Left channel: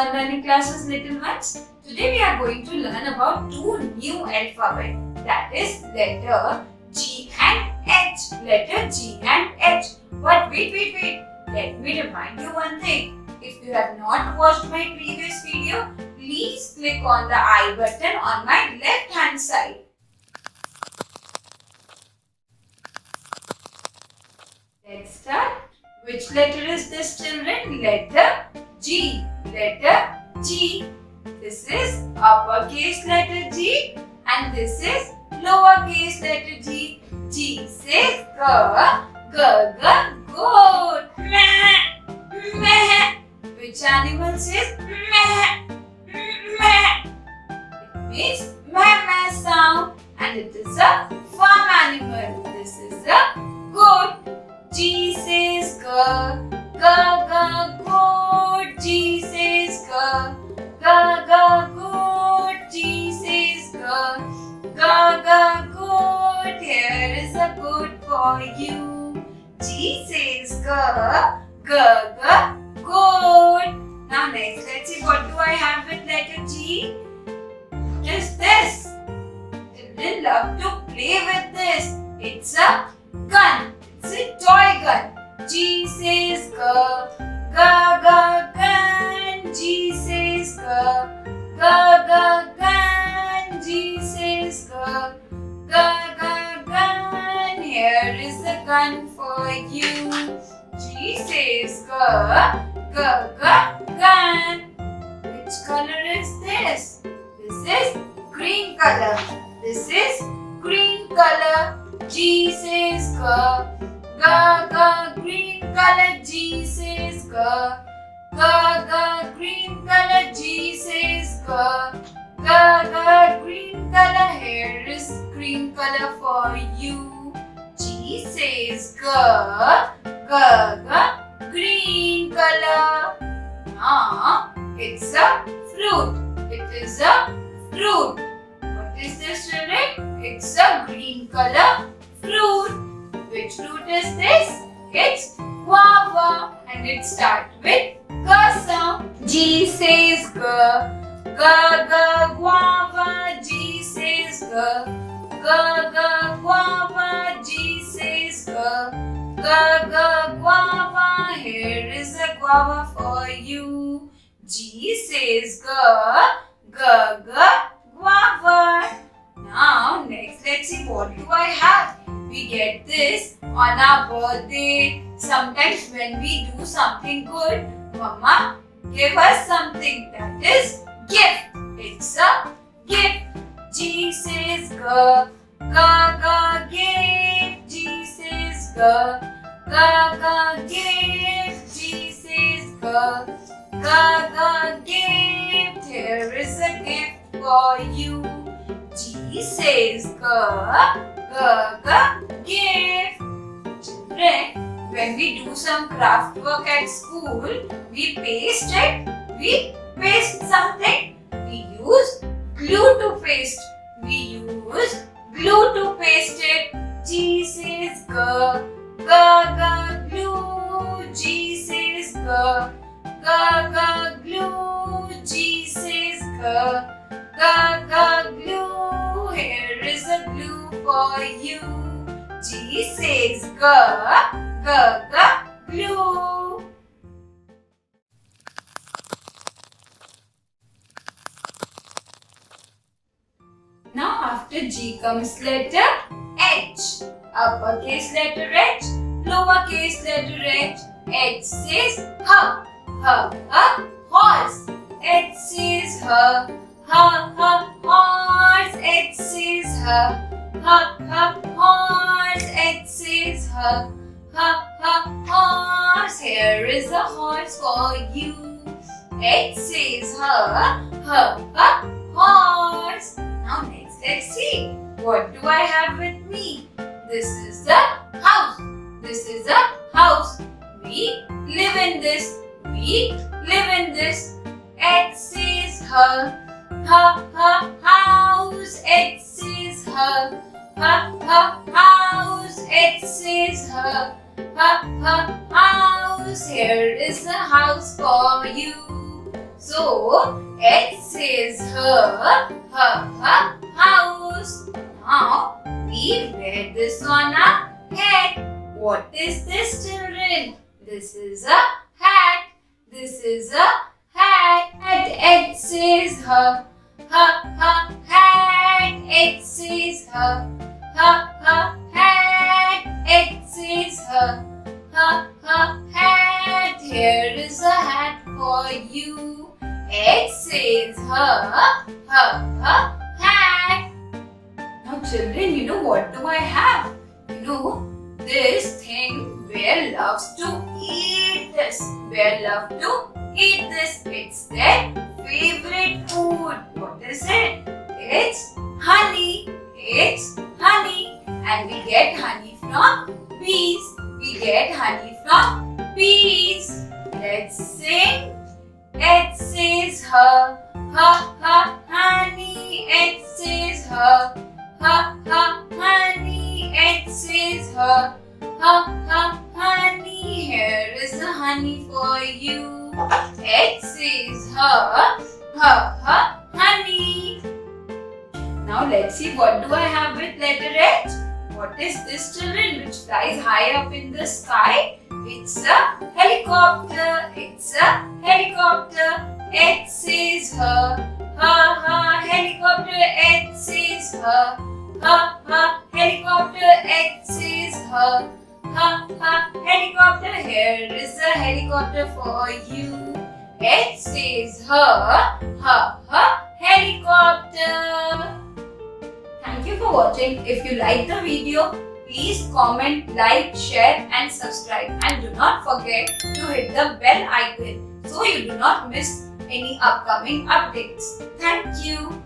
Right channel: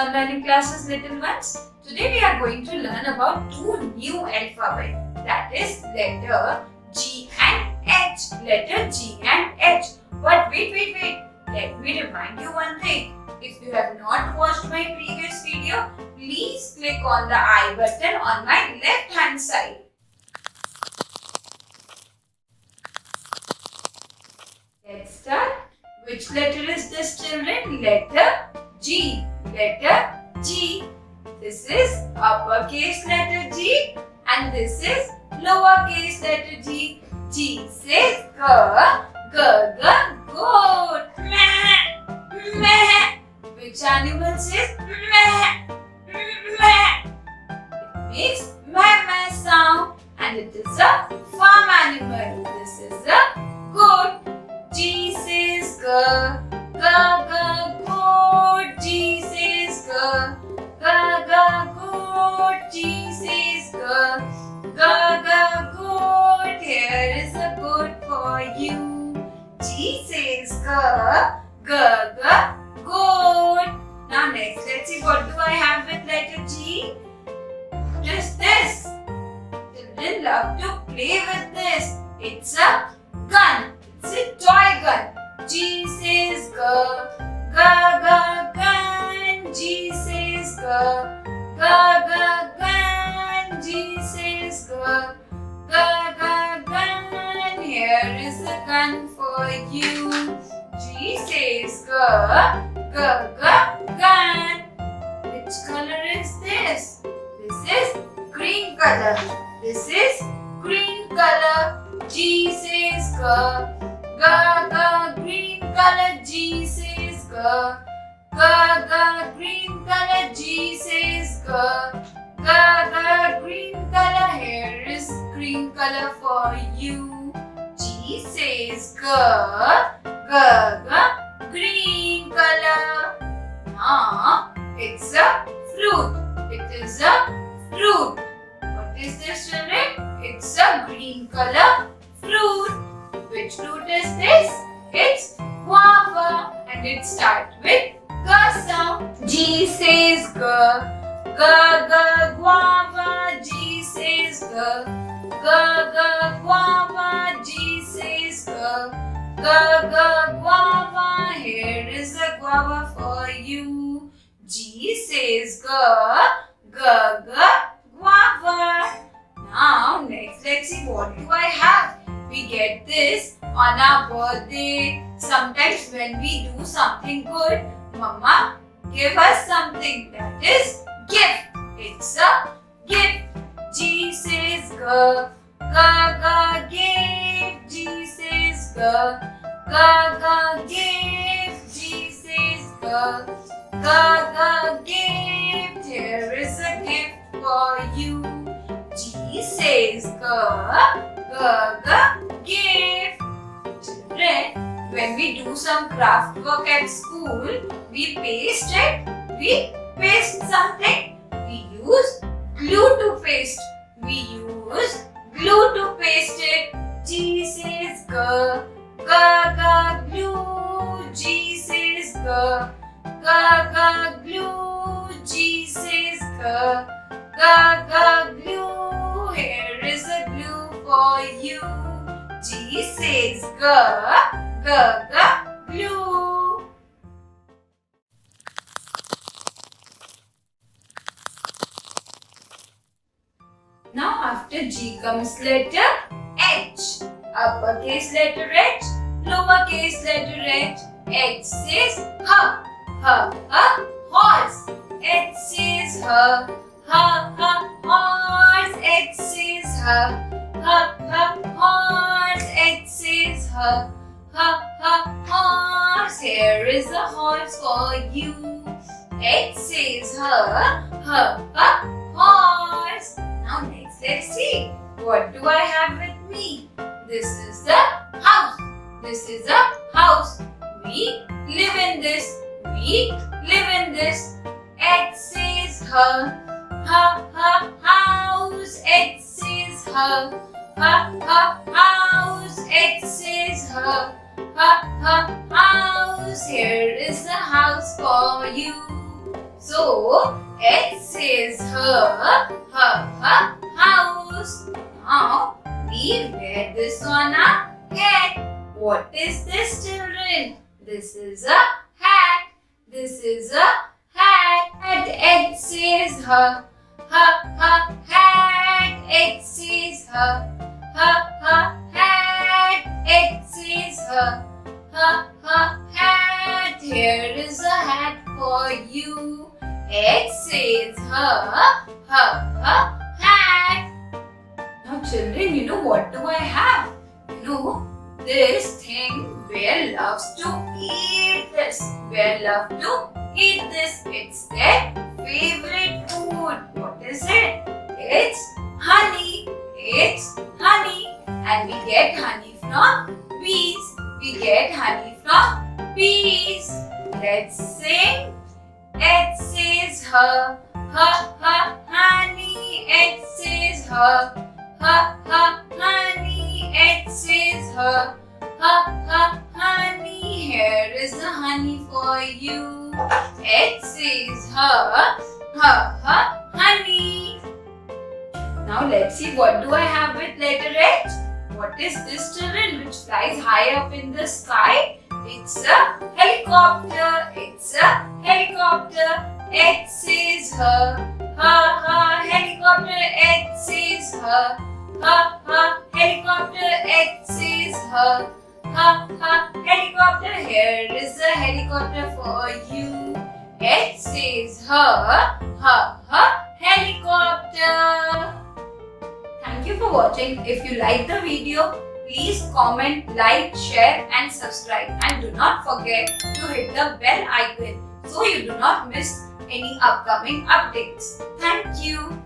Smart Learning Classes, little ones. Today we are going to learn about two new alphabet, that is letter G and H. Letter G and H. But wait. Let me remind you one thing. If you have not watched my previous video, please click on the I button on my left hand side. Let's start. Which letter is this, children? Letter G. Letter G. This is uppercase letter G and this is lowercase letter G. G says goat. Meh. Which animal says meh? It makes meh sound and it is a farm animal. This is a goat. G says goat. G says goat. G says goat. Here is a goat for you. G says goat. Now next, let's see what do I have with letter G. What is this? Children love to play with this. It's a gun. It's a toy gun. G says gun. G says gun. G says gun. Here is a gun for you. G says gun. Which color is this? This is green color. This is green color. G says green color. G says green color. G says green color. Here is green color for you. G says green color. Now it's a fruit. It is a fruit. What is this, children? It's a green color fruit. Which fruit is this? It's guava and it starts with G sound. G says guava. G says guava. G says guava. Here is a guava for you. G says guava. Now next, let's see what do I have. We get this on our birthday. Sometimes when we do something good, Mama give us something, that is gift. It's a gift. G says gift. G says gift. G says gift. Here is a gift for you. G says gift. Children, when we do some craft work at school, we paste it. We paste something. We use glue to paste. We use glue to paste it. G says glue. G says glue. G says glue. Here is a glue for you. G says glue. Now after G comes letter H. Uppercase letter H, lowercase letter H. H says horse. H says horse. H says horse. H says horse. Here is a horse for you. H says horse. Now next, let's see. What do I have with me? This is a house. This is a house. We live in this. We live in this. H says house. H says house. H says house. Here is a house for you. So H says her house. Now we wear this on our head. What is this, children? This is a hat. This is a hat. And H says her hat. H says her hat. H says her hat. Here is a hat for you. H says her hat. Now children, you know what do I have? You know, this thing Bear loves to eat this. Bear loves to eat this. It's their favorite food. What is it? It's honey. It's honey. And we get honey from bees. We get honey from bees. Let's sing. It says her honey. It says her honey. It says her honey. Here is the honey for you. It says her honey. Now let's see, what do I have with letter H? What is this, children, which flies high up in the sky? It's a helicopter. It's a helicopter. It says her helicopter. It says her helicopter. It says her helicopter. Here is a helicopter for you. It says her helicopter. Thank you for watching. If you like the video, please comment, like, share and subscribe. And do not forget to hit the bell icon so you do not miss any upcoming updates. Thank you.